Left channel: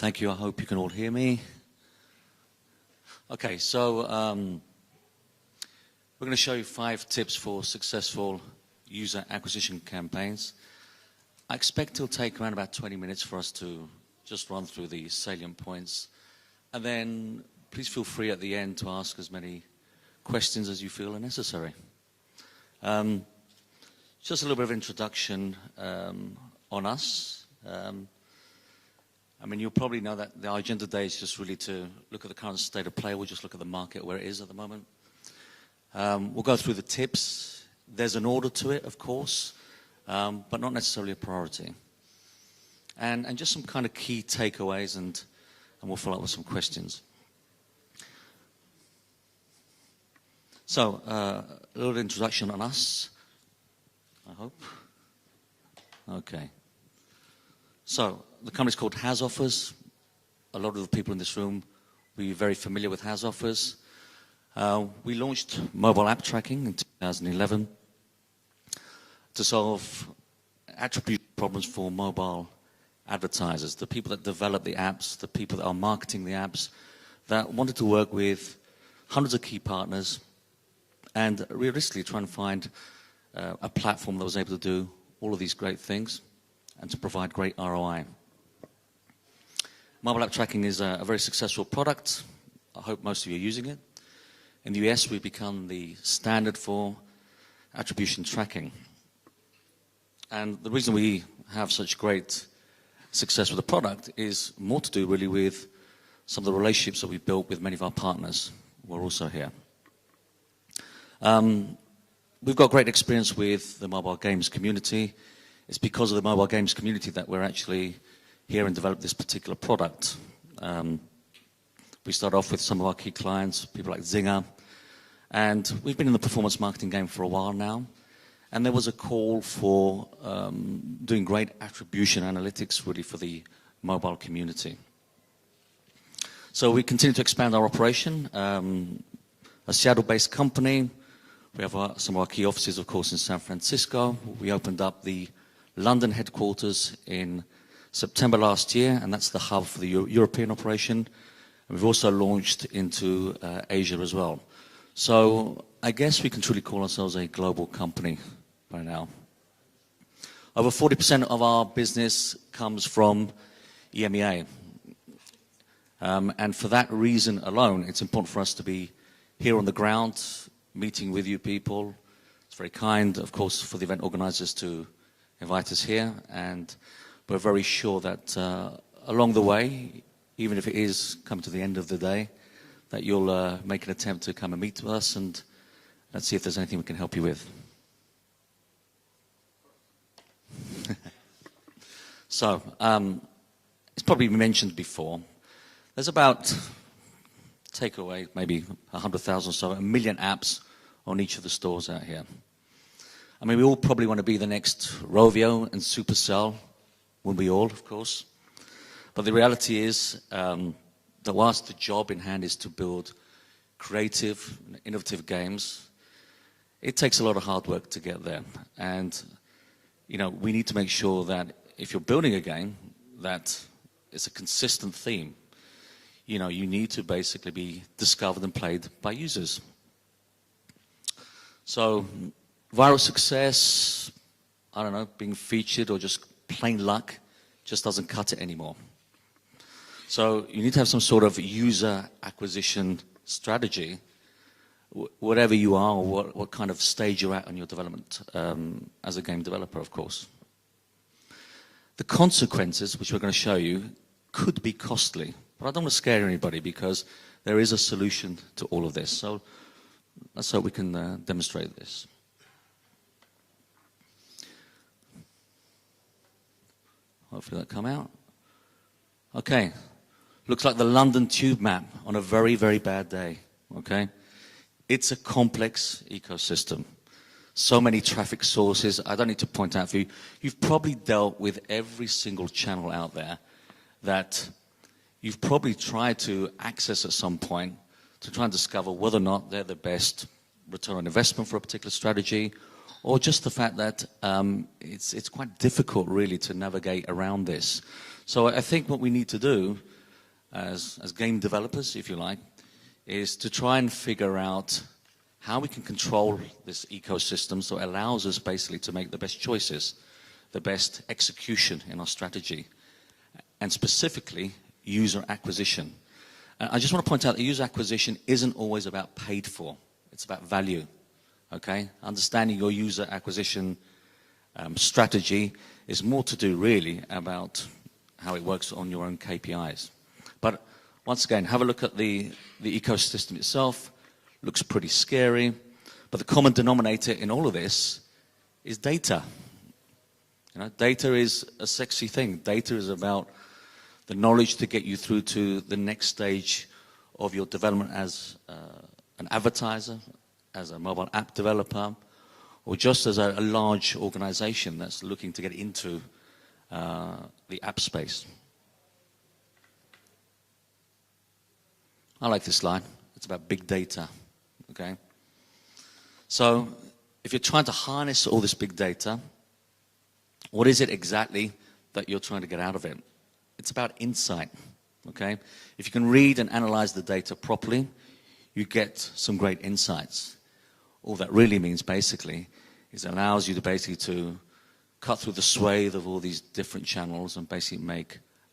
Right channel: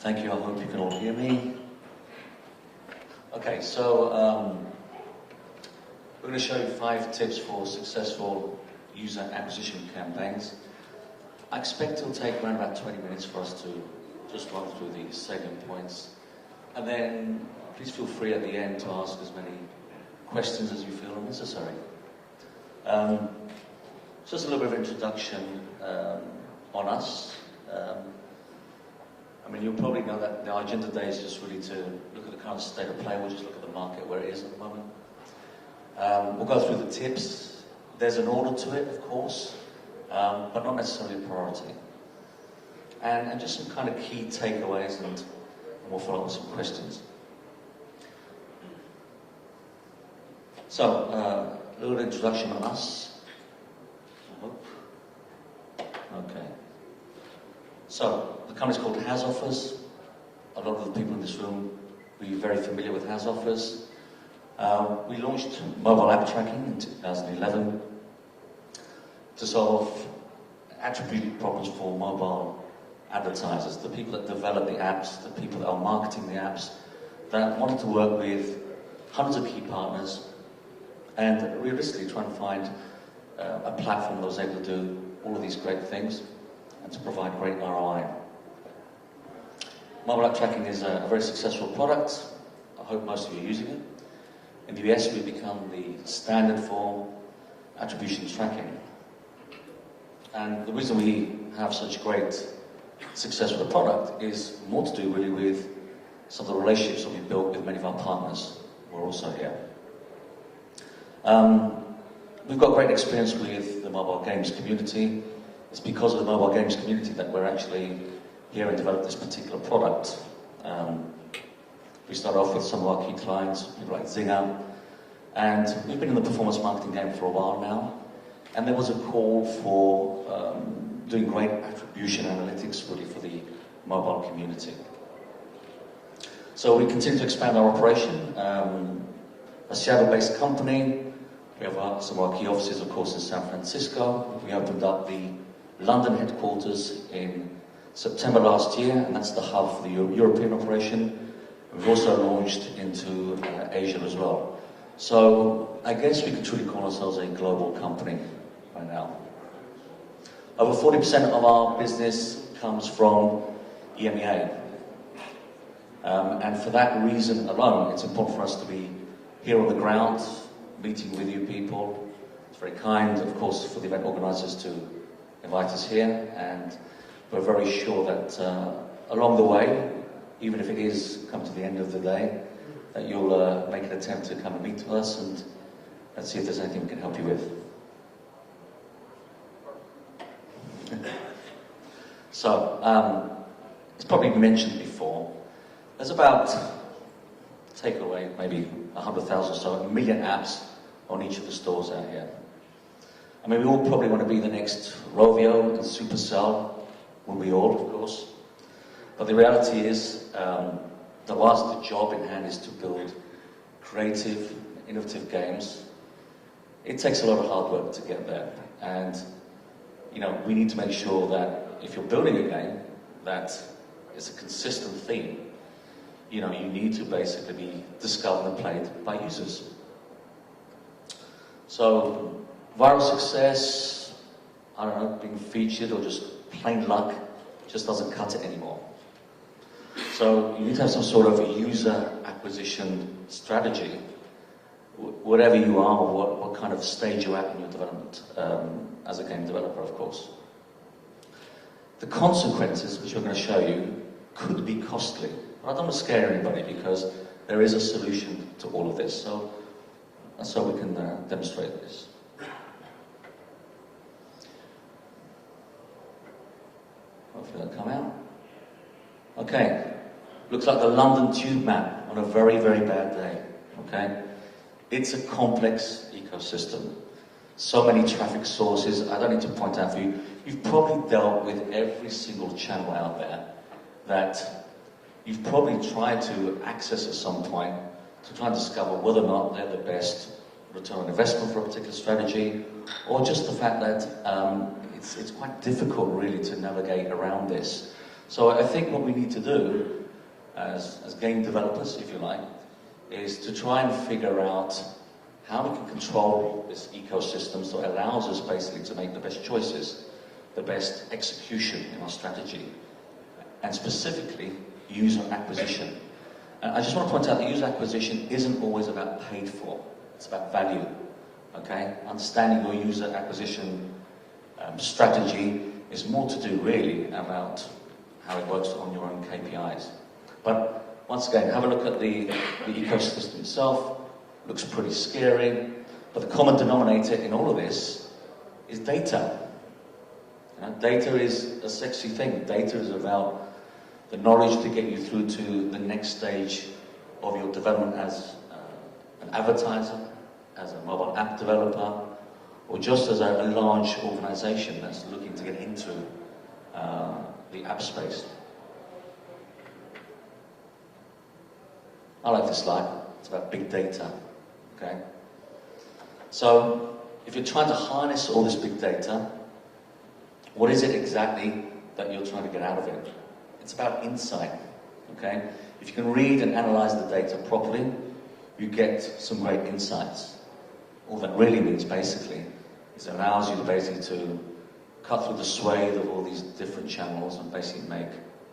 Thank you, I hope you can all hear me. Okay, so we're going to show you 5 tips for successful user acquisition campaigns. I expect it'll take around about 20 minutes for us to just run through the salient points. And then please feel free at the end to ask as many questions as you feel are necessary. Just a little bit of introduction on us. I mean, you'll probably know that our agenda today is just really to look at the current state of play. We'll just look at the market where it is at the moment. We'll go through the tips. There's an order to it, of course, but not necessarily a priority. And just some kind of key takeaways, and we'll follow up with some questions. So, a little introduction on us, I hope. Okay. So, the company's called Has Offers. A lot of the people in this room will be very familiar with Has Offers. We launched mobile app tracking in 2011 to solve attribute problems for mobile advertisers, the people that develop the apps, the people that are marketing the apps, that wanted to work with hundreds of key partners and realistically try and find a platform that was able to do all of these great things and to provide great ROI. Mobile app tracking is a very successful product. I hope most of you are using it. In the US, we've become the standard for attribution tracking. And the reason we have such great success with the product is more to do really with some of the relationships that we've built with many of our partners who are also here. We've got great experience with the mobile games community. It's because of the mobile games community that we're actually here and develop this particular product. We start off with some of our key clients, people like Zynga, and we've been in the performance marketing game for a while now, and there was a call for doing great attribution analytics really for the mobile community. So we continue to expand our operation. A Seattle-based company. We have some of our key offices, of course, in San Francisco. We opened up the London headquarters in September last year, and that's the hub for the European operation. We've also launched into Asia as well. So I guess we can truly call ourselves a global company right now. Over 40% of our business comes from EMEA. And for that reason alone, it's important for us to be here on the ground, meeting with you people. It's very kind, of course, for the event organizers to invite us here, and we're very sure that along the way, even if it is come to the end of the day, that you'll make an attempt to come and meet with us, and let's see if there's anything we can help you with. So, it's probably been mentioned before, there's about, take away maybe 100,000 or so, 1 million apps on each of the stores out here. I mean, we all probably want to be the next Rovio and Supercell, will be all, of course. But the reality is that whilst the job in hand is to build creative, innovative games, it takes a lot of hard work to get there. And, you know, we need to make sure that if you're building a game, that it's a consistent theme. You know, you need to basically be discovered and played by users. So, viral success, I don't know, being featured or just plain luck just doesn't cut it anymore. So you need to have some sort of user acquisition strategy, whatever you are or what kind of stage you're at in your development as a game developer, of course. The consequences, which we're going to show you, could be costly. But I don't want to scare anybody because there is a solution to all of this. So let's hope we can demonstrate this. Hopefully that'll come out. Okay, looks like the London tube map on a very, very bad day, okay? It's a complex ecosystem. So many traffic sources, I don't need to point out for you, you've probably dealt with every single channel out there that you've probably tried to access at some point to try and discover whether or not they're the best return on investment for a particular strategy, or just the fact that it's quite difficult really to navigate around this. So I think what we need to do as game developers, if you like, is to try and figure out how we can control this ecosystem so it allows us basically to make the best choices, the best execution in our strategy, and specifically user acquisition. And I just want to point out that user acquisition isn't always about paid for, it's about value. Okay? Understanding your user acquisition strategy is more to do really about how it works on your own KPIs. But once again, have a look at the ecosystem itself. Looks pretty scary, but the common denominator in all of this is data. You know, data is a sexy thing. Data is about the knowledge to get you through to the next stage of your development as an advertiser, as a mobile app developer, or just as a large organization that's looking to get into the app space. I like this slide. It's about big data. Okay? So, if you're trying to harness all this big data, what is it exactly that you're trying to get out of it? It's about insight. Okay? If you can read and analyze the data properly, you get some great insights. All that really means basically is it allows you to basically to cut through the swathe of all these different channels and basically make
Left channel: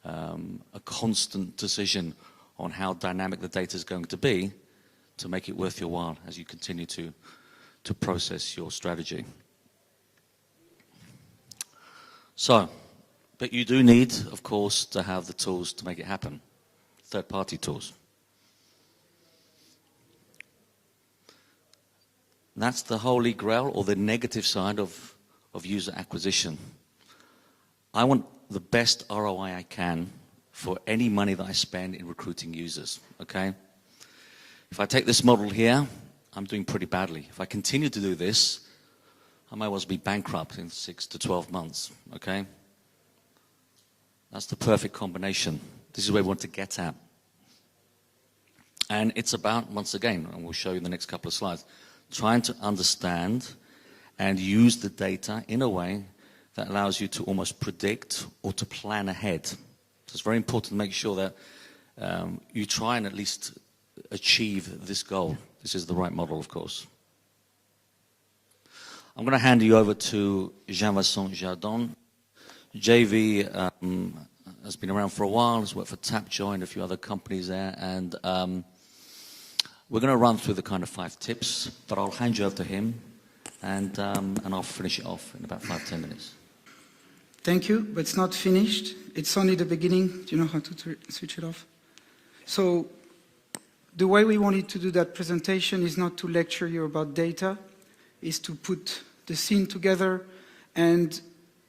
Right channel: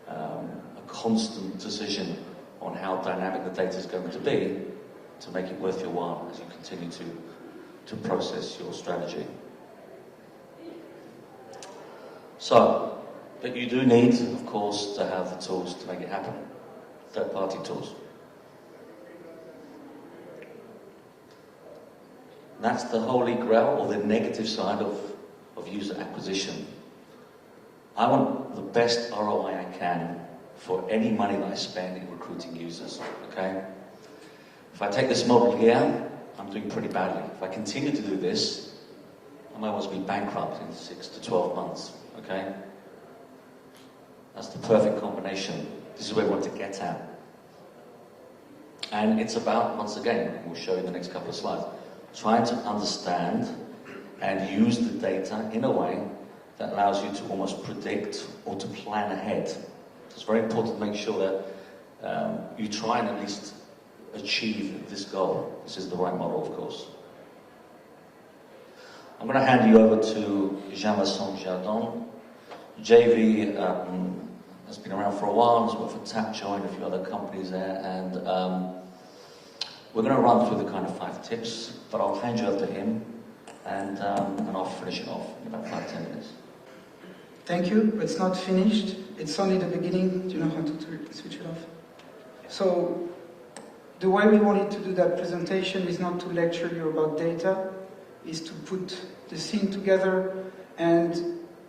a constant decision on how dynamic the data is going to be to make it worth your while as you continue to process your strategy. So, but you do need, of course, to have the tools to make it happen. Third-party tools. And that's the holy grail, or the negative side of user acquisition. I want the best ROI I can for any money that I spend in recruiting users, okay? If I take this model here, I'm doing pretty badly. If I continue to do this, I might also be bankrupt in 6 to 12 months, okay? That's the perfect combination. This is where we want to get at. And it's about, once again, and we'll show you in the next couple of slides, trying to understand and use the data in a way that allows you to almost predict or to plan ahead. So it's very important to make sure that you try and at least achieve this goal. This is the right model, of course. I'm going to hand you over to Jean-Vincent Chardon. JV has been around for a while, has worked for Tapjoy and a few other companies there, and we're going to run through the kind of 5 tips, but I'll hand you over to him, and I'll finish it off in about 5-10 minutes. Thank you, but it's not finished. It's only the beginning. Do you know how to switch it off? So, the way we wanted to do that presentation is not to lecture you about data, is to put the scene together, and,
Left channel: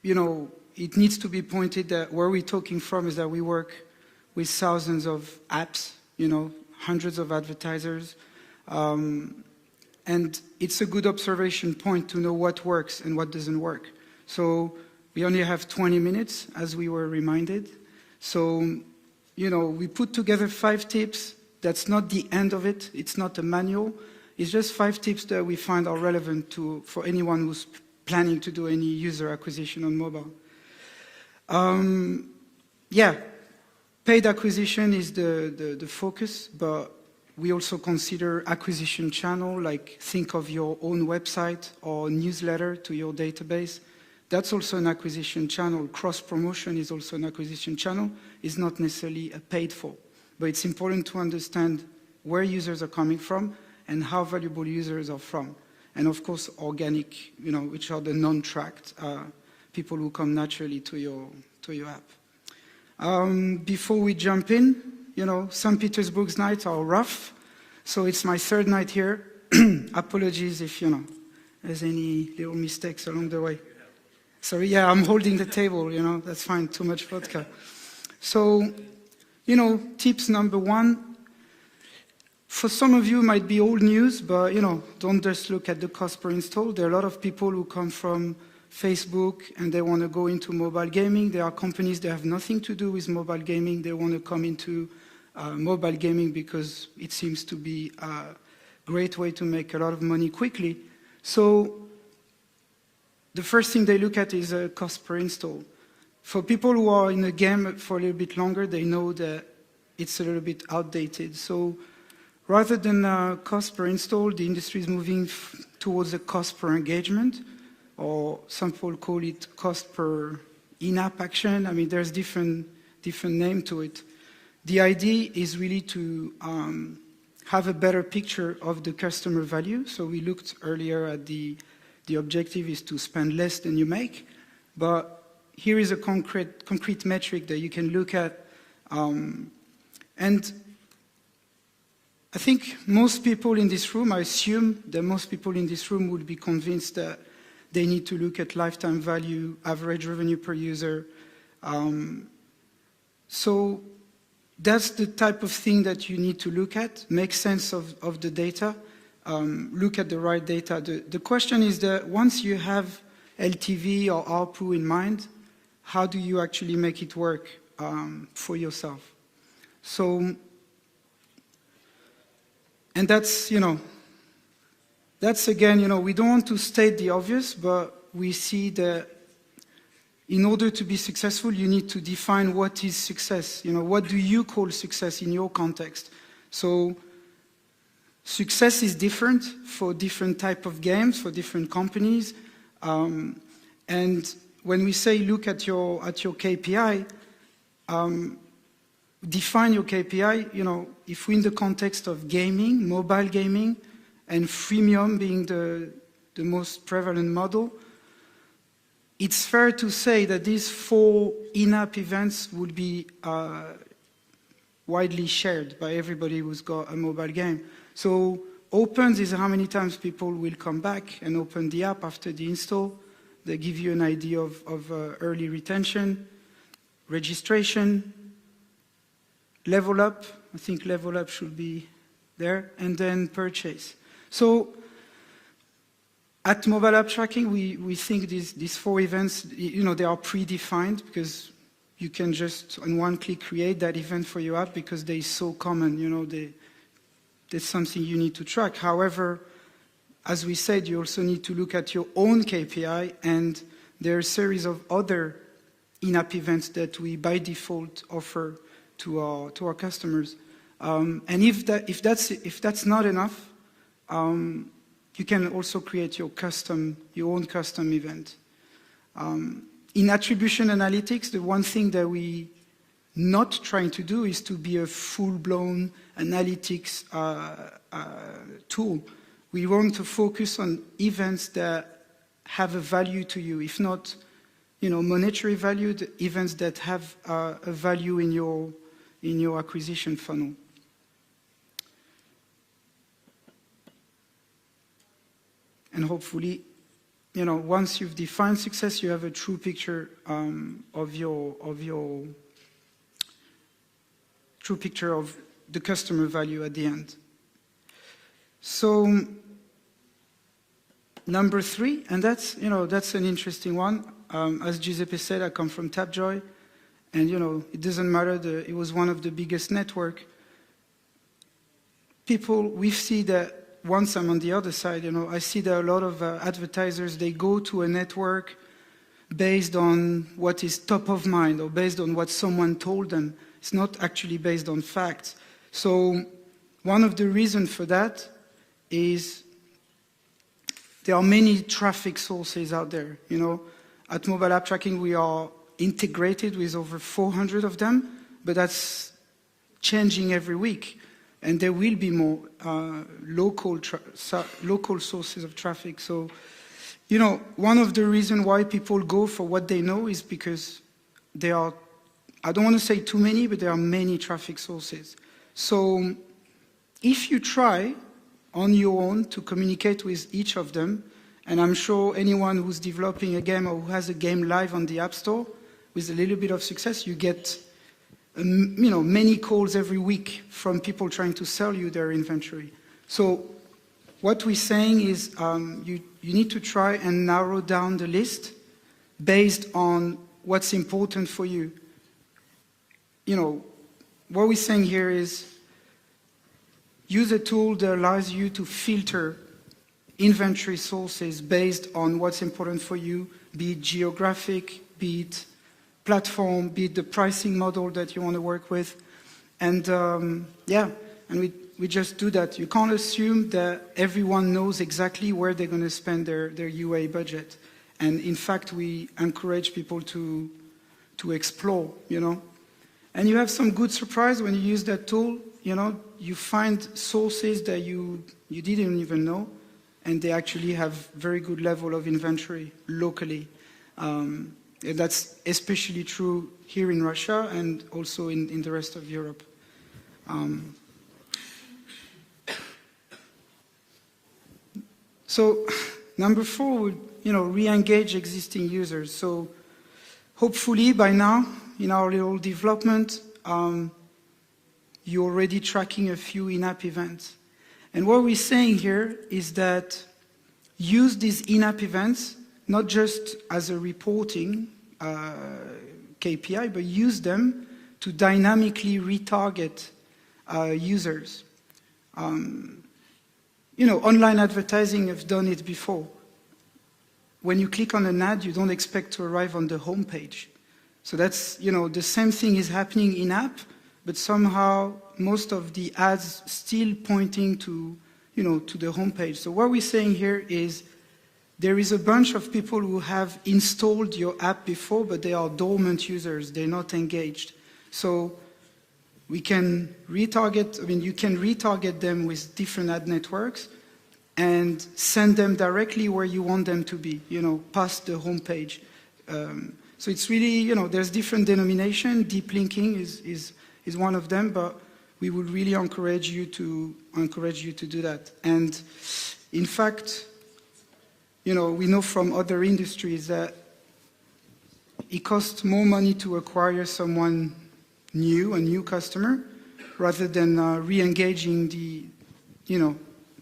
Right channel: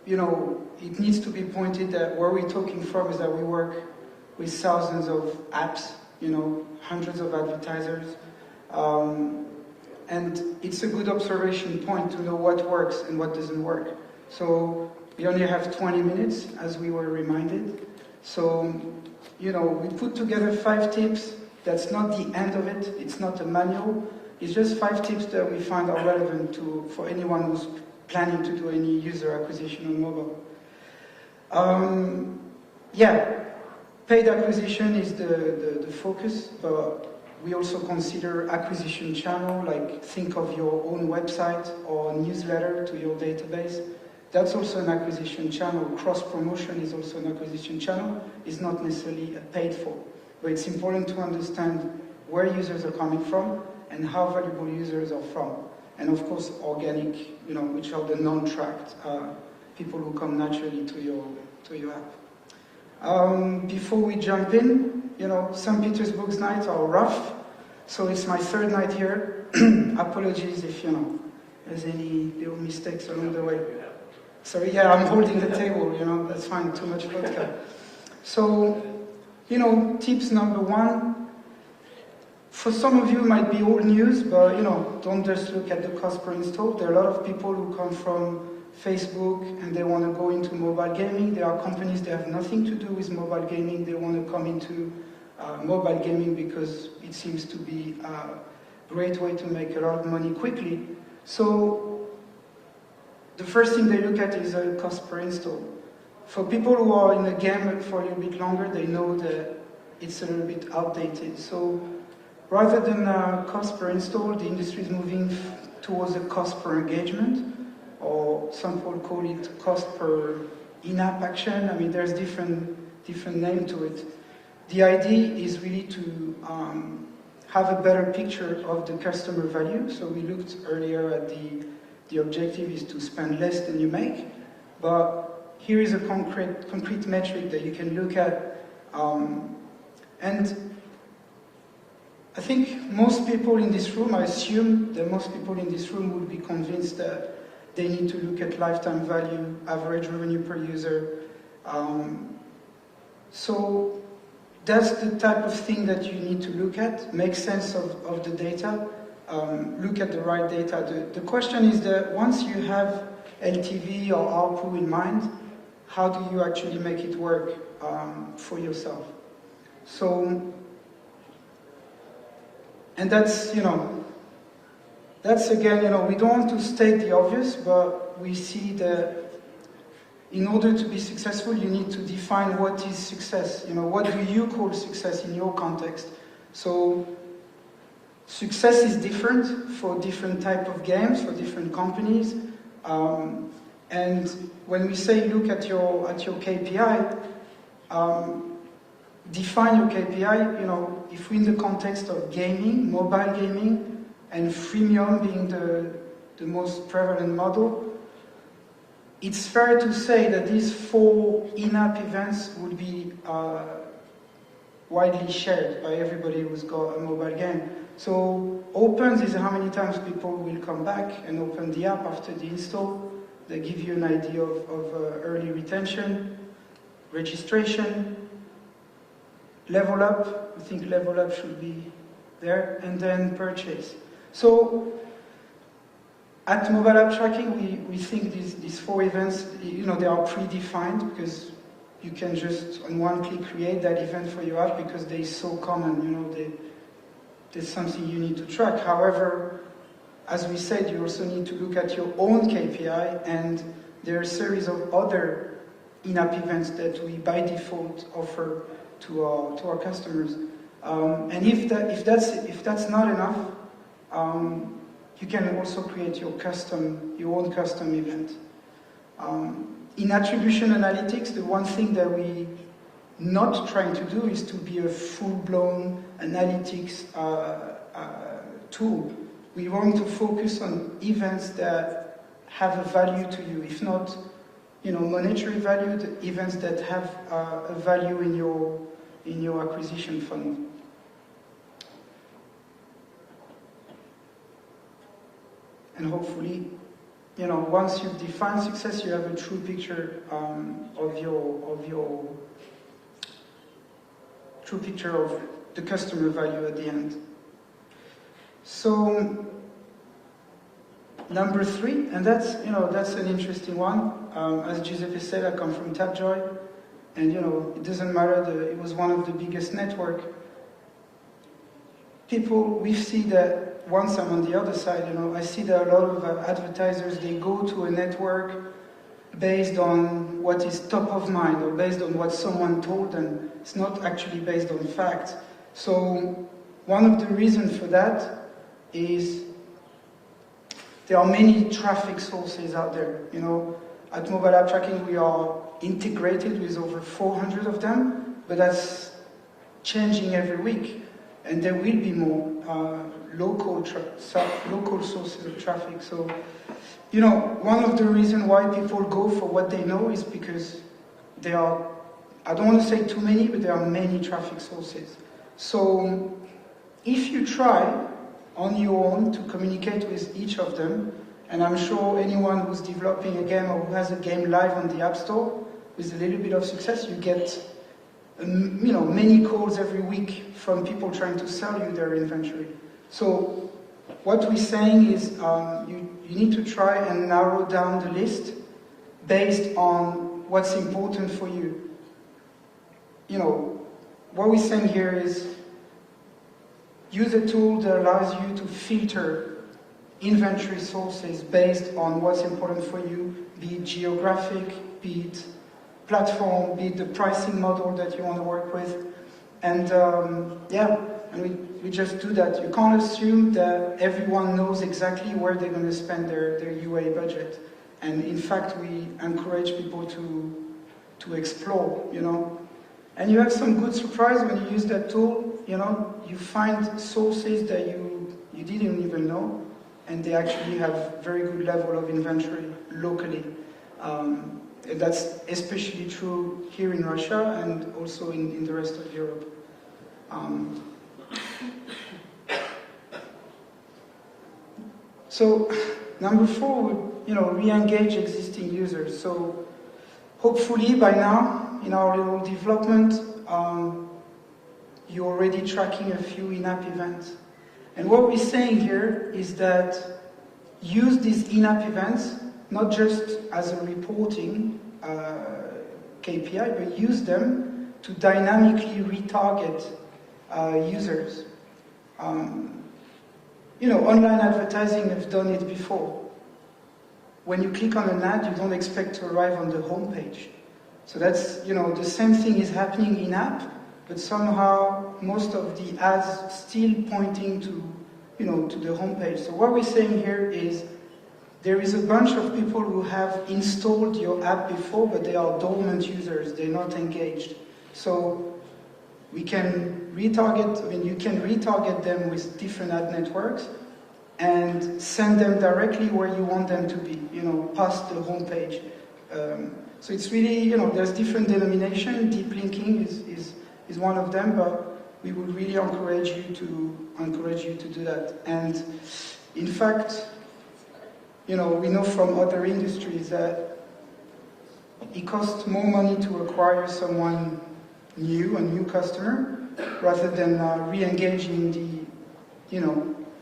you know, it needs to be pointed that where we're talking from is that we work with thousands of apps, you know, hundreds of advertisers, and it's a good observation point to know what works and what doesn't work. So we only have 20 minutes, as we were reminded. So, you know, we put together 5 tips. That's not the end of it. It's not a manual. It's just 5 tips that we find are relevant for anyone who's planning to do any user acquisition on mobile. Yeah, paid acquisition is the focus, but we also consider acquisition channel, like think of your own website or a newsletter to your database. That's also an acquisition channel. Cross-promotion is also an acquisition channel. It's not necessarily a paid for, but it's important to understand where users are coming from and how valuable users are from. And of course, organic, you know, which are the non-tracked people who come naturally to your app. Before we jump in, you know, St. Petersburg's nights are rough, so it's my 3rd night here. Apologies if, you know, there's any little mistakes along the way. Sorry, yeah, I'm holding the table, you know, that's fine, too much vodka. So, you know, tips number 1, for some of you it might be old news, but, you know, don't just look at the cost per install. There are a lot of people who come from Facebook and they want to go into mobile gaming. There are companies that have nothing to do with mobile gaming. They want to come into mobile gaming because it seems to be a great way to make a lot of money quickly. So the first thing they look at is cost per install. For people who are in the game for a little bit longer, they know that it's a little bit outdated. So rather than cost per install, the industry is moving towards a cost per engagement, or some people call it cost per in-app action. I mean, there's different name to it. The idea is really to have a better picture of the customer value. So we looked earlier at the objective is to spend less than you make, but here is a concrete metric that you can look at. And I think most people in this room, I assume that most people in this room would be convinced that they need to look at lifetime value, average revenue per user. So that's the type of thing that you need to look at, make sense of the data, look at the right data. The question is that once you have LTV or ARPU in mind, how do you actually make it work for yourself? So, and that's, that's again, we don't want to state the obvious, but we see that in order to be successful, you need to define what is success. What do you call success in your context? So, success is different for different type of games, for different companies. And when we say look at your KPI, define your KPI, if we're in the context of gaming, mobile gaming, and freemium being the most prevalent model, it's fair to say that these 4 in-app events will be widely shared by everybody who's got a mobile game. So opens is how many times people will come back and open the app after the install. They give you an idea of early retention, registration, level up. I think level up should be there, and then purchase. So at MobileAppTracking, we think these 4 events, they are predefined because you can just on one click create that event for your app because they're so common. There's something you need to track. However, as we said, you also need to look at your own KPI, and there are a series of other in-app events that we by default offer to our customers. And if that's not enough, you can also create your own custom event. In attribution analytics, the one thing that we not trying to do is to be a full-blown analytics tool. We want to focus on events that have a value to you, if not, monetary value, the events that have a value in your acquisition funnel. And hopefully, once you've defined success, you have a true picture of the customer value at the end. So number 3, and that's an interesting one. As Giuseppe said, I come from Tapjoy, and it doesn't matter. It was one of the biggest network. We see that. Once I'm on the other side, I see that a lot of advertisers, they go to a network based on what is top of mind or based on what someone told them. It's not actually based on facts. So one of the reasons for that is there are many traffic sources out there. At MobileAppTracking we are integrated with over 400 of them, but that's changing every week. And there will be more local sources of traffic. So, one of the reasons why people go for what they know is because there are, I don't want to say too many, but there are many traffic sources. So, if you try on your own to communicate with each of them, and I'm sure anyone who's developing a game or who has a game live on the App Store, with a little bit of success, you get many calls every week from people trying to sell you their inventory. So what we're saying is you need to try and narrow down the list based on what's important for you. What we're saying here is use a tool that allows you to filter inventory sources based on what's important for you, be it geographic, be it platform, be it the pricing model that you want to work with. And yeah, and we just do that. You can't assume that everyone knows exactly where they're going to spend their UA budget. And in fact, we encourage people to explore, you know. And you have some good surprise when you use that tool, you know. You find sources that you didn't even know, and they actually have very good level of inventory locally. That's especially true here in Russia and also in the rest of Europe. So, number 4, you know, re-engage existing users. So, hopefully by now, in our little development, you're already tracking a few in-app events. And what we're saying here is that use these in-app events not just as a reporting KPI, but use them to dynamically retarget users. You know, online advertising have done it before. When you click on an ad, you don't expect to arrive on the home page. So that's, you know, the same thing is happening in-app, but somehow most of the ads still pointing to, you know, to the home page. So what we're saying here is there is a bunch of people who have installed your app before, but they are dormant users, they're not engaged. So we can retarget, I mean, you can retarget them with different ad networks and send them directly where you want them to be, you know, past the home page. So it's really, you know, there's different denomination. Deep linking is one of them, but we would really encourage you to do that. And in fact, you know, we know from other industries that it costs more money to acquire someone new, a new customer, rather than re-engaging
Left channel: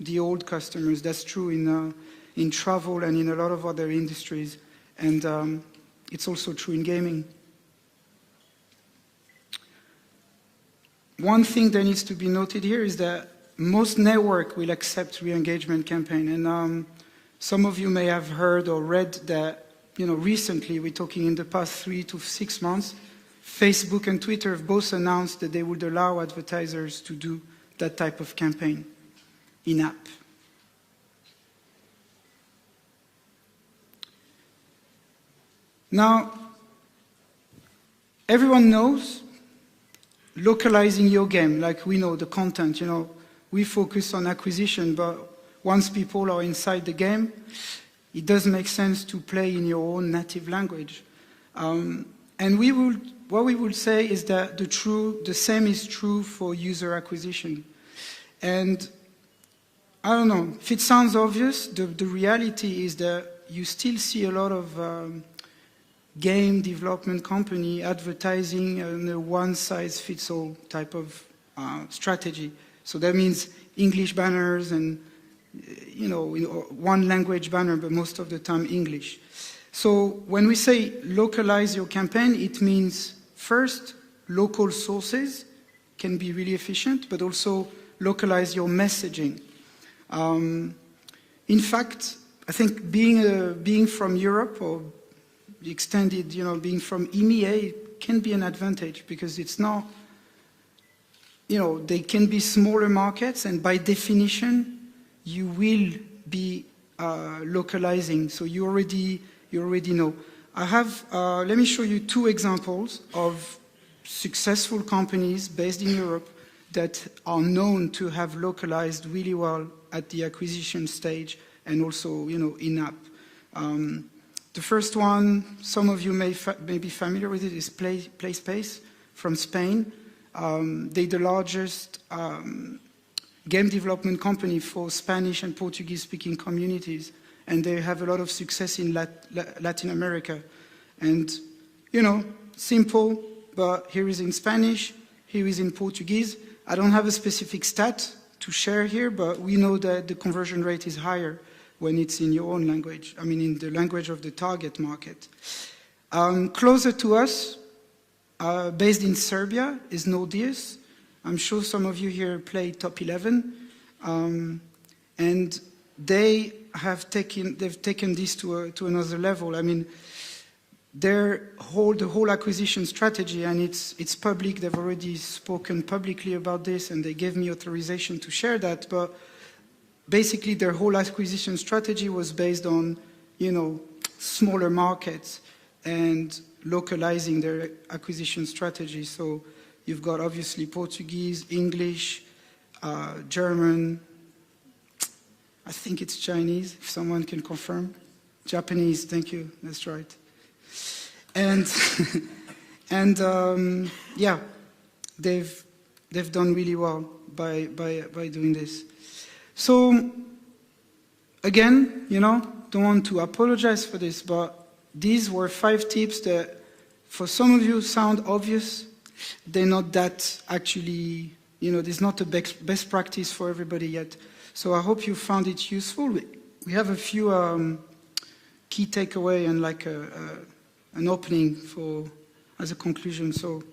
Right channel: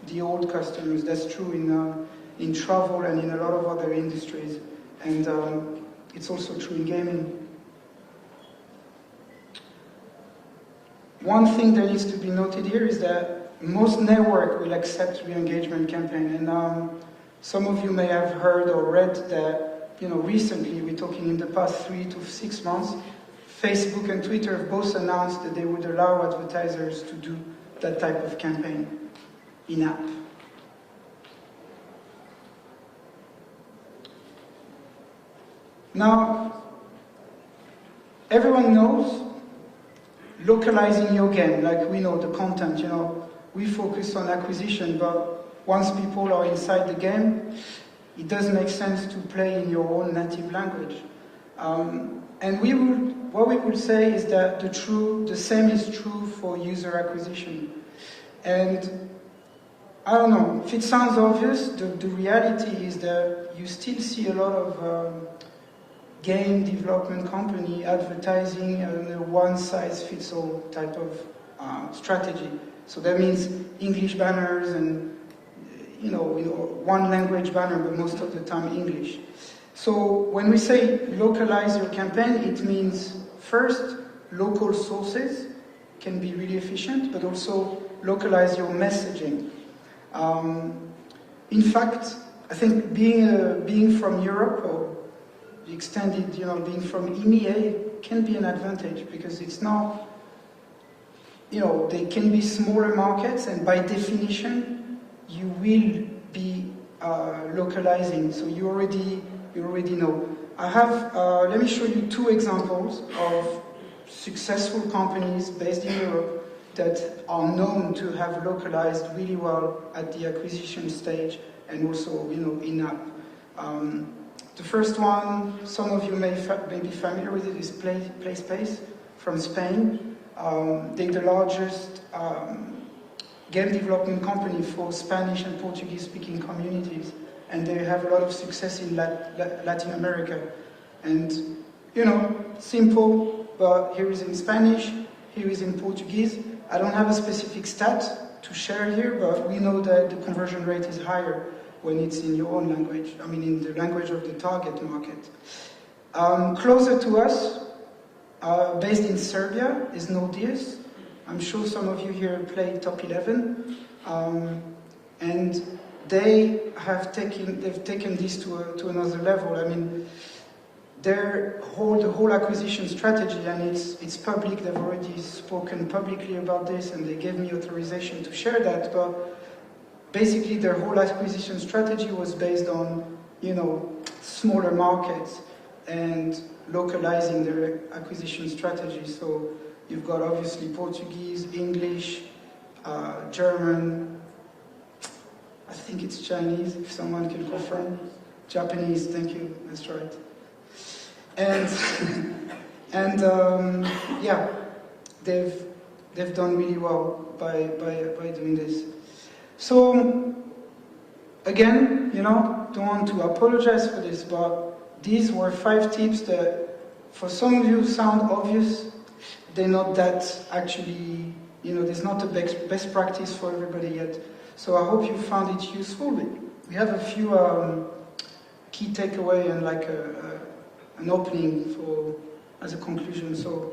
the old customers. That's true in travel and in a lot of other industries, and it's also true in gaming. One thing that needs to be noted here is that most network will accept re-engagement campaign, and some of you may have heard or read that, you know, recently, we're talking in the past 3 to 6 months, Facebook and Twitter have both announced that they would allow advertisers to do that type of campaign in-app. Now, everyone knows localizing your game, like we know the content, you know, we focus on acquisition, but once people are inside the game, it doesn't make sense to play in your own native language. And what we would say is that the same is true for user acquisition. And I don't know, if it sounds obvious, the reality is that you still see a lot of game development company advertising a one-size-fits-all type of strategy. So that means English banners and, you know, one language banner, but most of the time English. So when we say localize your campaign, it means first, local sources can be really efficient, but also localize your messaging. In fact, I think being from Europe, or the extended, you know, being from EMEA, can be an advantage, because it's not, you know, they can be smaller markets, and by definition, you will be localizing. So you already know. I have, let me show you 2 examples of successful companies based in Europe that are known to have localized really well at the acquisition stage and also, you know, in-app. The first one, some of you may be familiar with it, is PlaySpace from Spain. They're the largest game development company for Spanish and Portuguese-speaking communities, and they have a lot of success in Latin America. And, you know, simple, but here is in Spanish, here is in Portuguese. I don't have a specific stat to share here, but we know that the conversion rate is higher when it's in your own language, I mean in the language of the target market. Closer to us, based in Serbia, is Nordeus. I'm sure some of you here play Top 11, and they've taken this to another level. I mean, the whole acquisition strategy, and it's public, they've already spoken publicly about this and they gave me authorization to share that, but basically their whole acquisition strategy was based on, you know, smaller markets and localizing their acquisition strategy. So you've got obviously Portuguese, English, German, I think it's Chinese, if someone can confirm. Japanese, thank you, that's right. And yeah, they've done really well by doing this. So again, you know, don't want to apologize for this, but these were 5 tips that for some of you sound obvious. They're not that actually, you know, there's not a best practice for everybody yet. So I hope you found it useful. We have a few key takeaway and like an opening for as a conclusion. So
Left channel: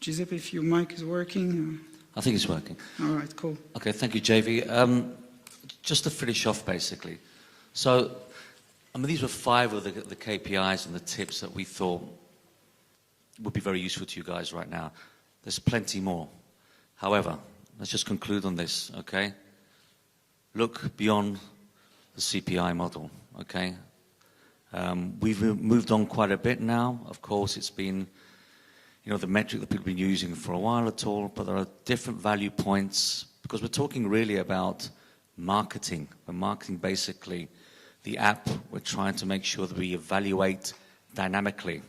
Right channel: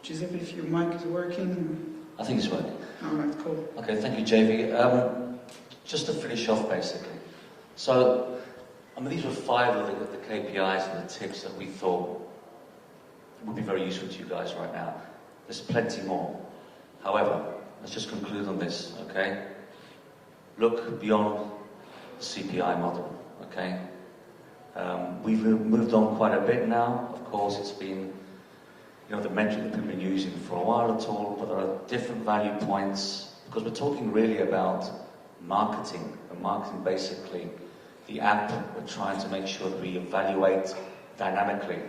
Giuseppe, if your mic is working. I think it's working. All right, cool. Okay, thank you, JV. Just to finish off, basically. So, I mean, these were 5 of the KPIs and the tips that we thought would be very useful to you guys right now. There's plenty more. However, let's just conclude on this, okay? Look beyond the CPI model, okay? We've moved on quite a bit now. Of course, it's been, you know, the metric that people have been using for a while at all, but there are different value points, because we're talking really about marketing. We're marketing basically the app. We're trying to make sure that we evaluate dynamically.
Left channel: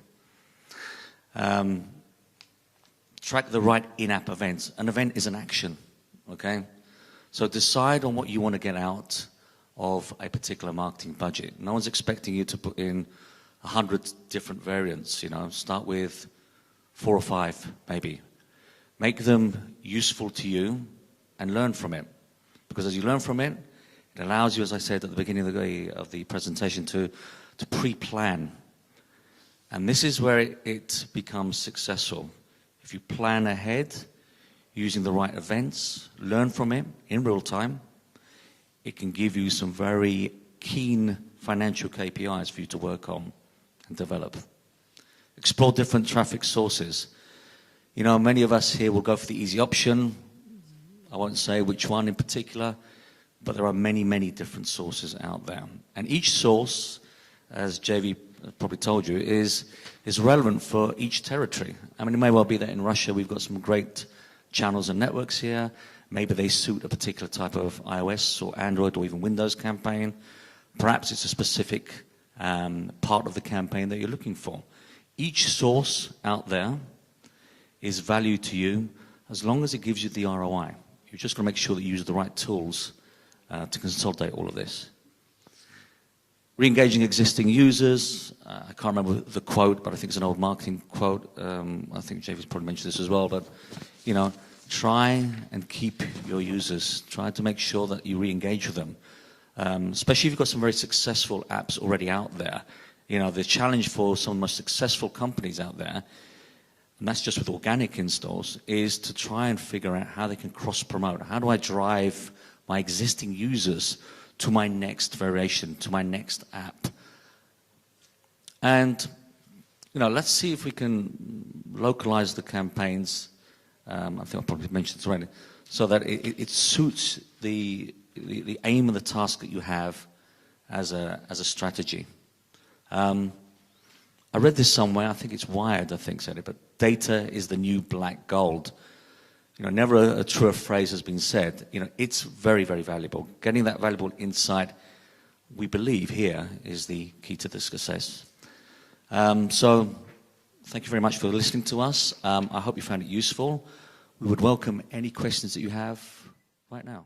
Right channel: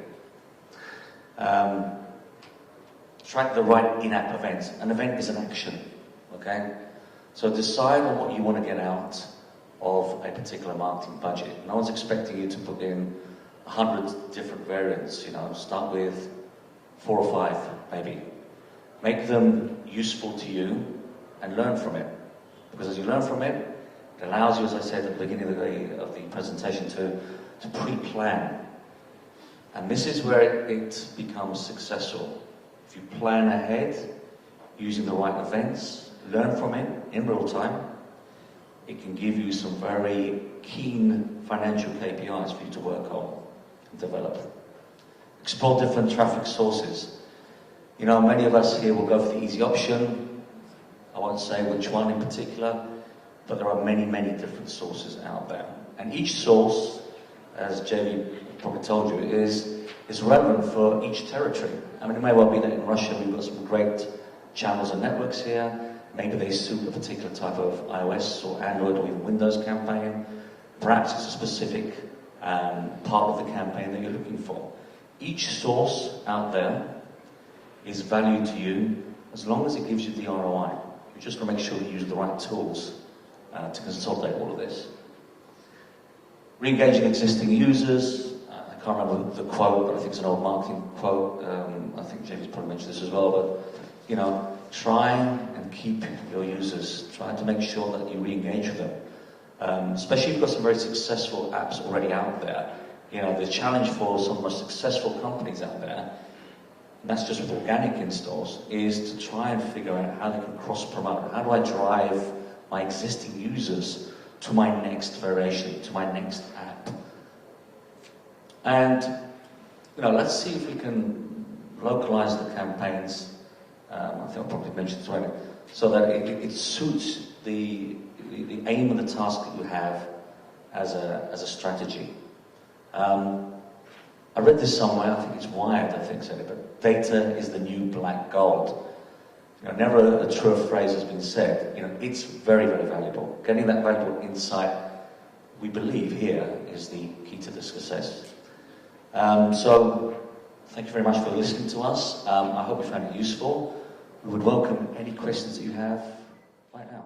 Track the right in-app events. An event is an action, okay? So decide on what you want to get out of a particular marketing budget. No one's expecting you to put in 100 different variants, you know. Start with 4 or 5, maybe. Make them useful to you and learn from it. Because as you learn from it, it allows you, as I said at the beginning of the presentation, to pre-plan. And this is where it becomes successful. If you plan ahead, using the right events, learn from it in real time, it can give you some very keen financial KPIs for you to work on and develop. Explore different traffic sources. You know, many of us here will go for the easy option. I won't say which one in particular, but there are many, many different sources out there. And each source, as JV probably told you, is relevant for each territory. I mean, it may well be that in Russia we've got some great channels and networks here. Maybe they suit a particular type of iOS or Android or even Windows campaign. Perhaps it's a specific part of the campaign that you're looking for. Each source out there is value to you as long as it gives you the ROI. You've just got to make sure that you use the right tools to consolidate all of this. Re-engaging existing users. I can't remember the quote, but I think it's an old marketing quote. I think JV's probably mentioned this as well, but you know, try and keep your users. Try to make sure that you re-engage with them. Especially if you've got some very successful apps already out there. You know, the challenge for some of the most successful companies out there, and that's just with organic installs, is to try and figure out how they can cross-promote. How do I drive my existing users to my next variation, to my next app? And, you know, let's see if we can localize the campaigns. I think I'll probably mention it already, so that it suits the aim of the task that you have as a strategy. I read this somewhere, I think it's Wired, I think said it, but data is the new black gold. You know, never a truer phrase has been said. You know, it's very, very valuable. Getting that valuable insight, we believe here, is the key to the success. So, thank you very much for listening to us. I hope you found it useful. We would welcome any questions that you have right now.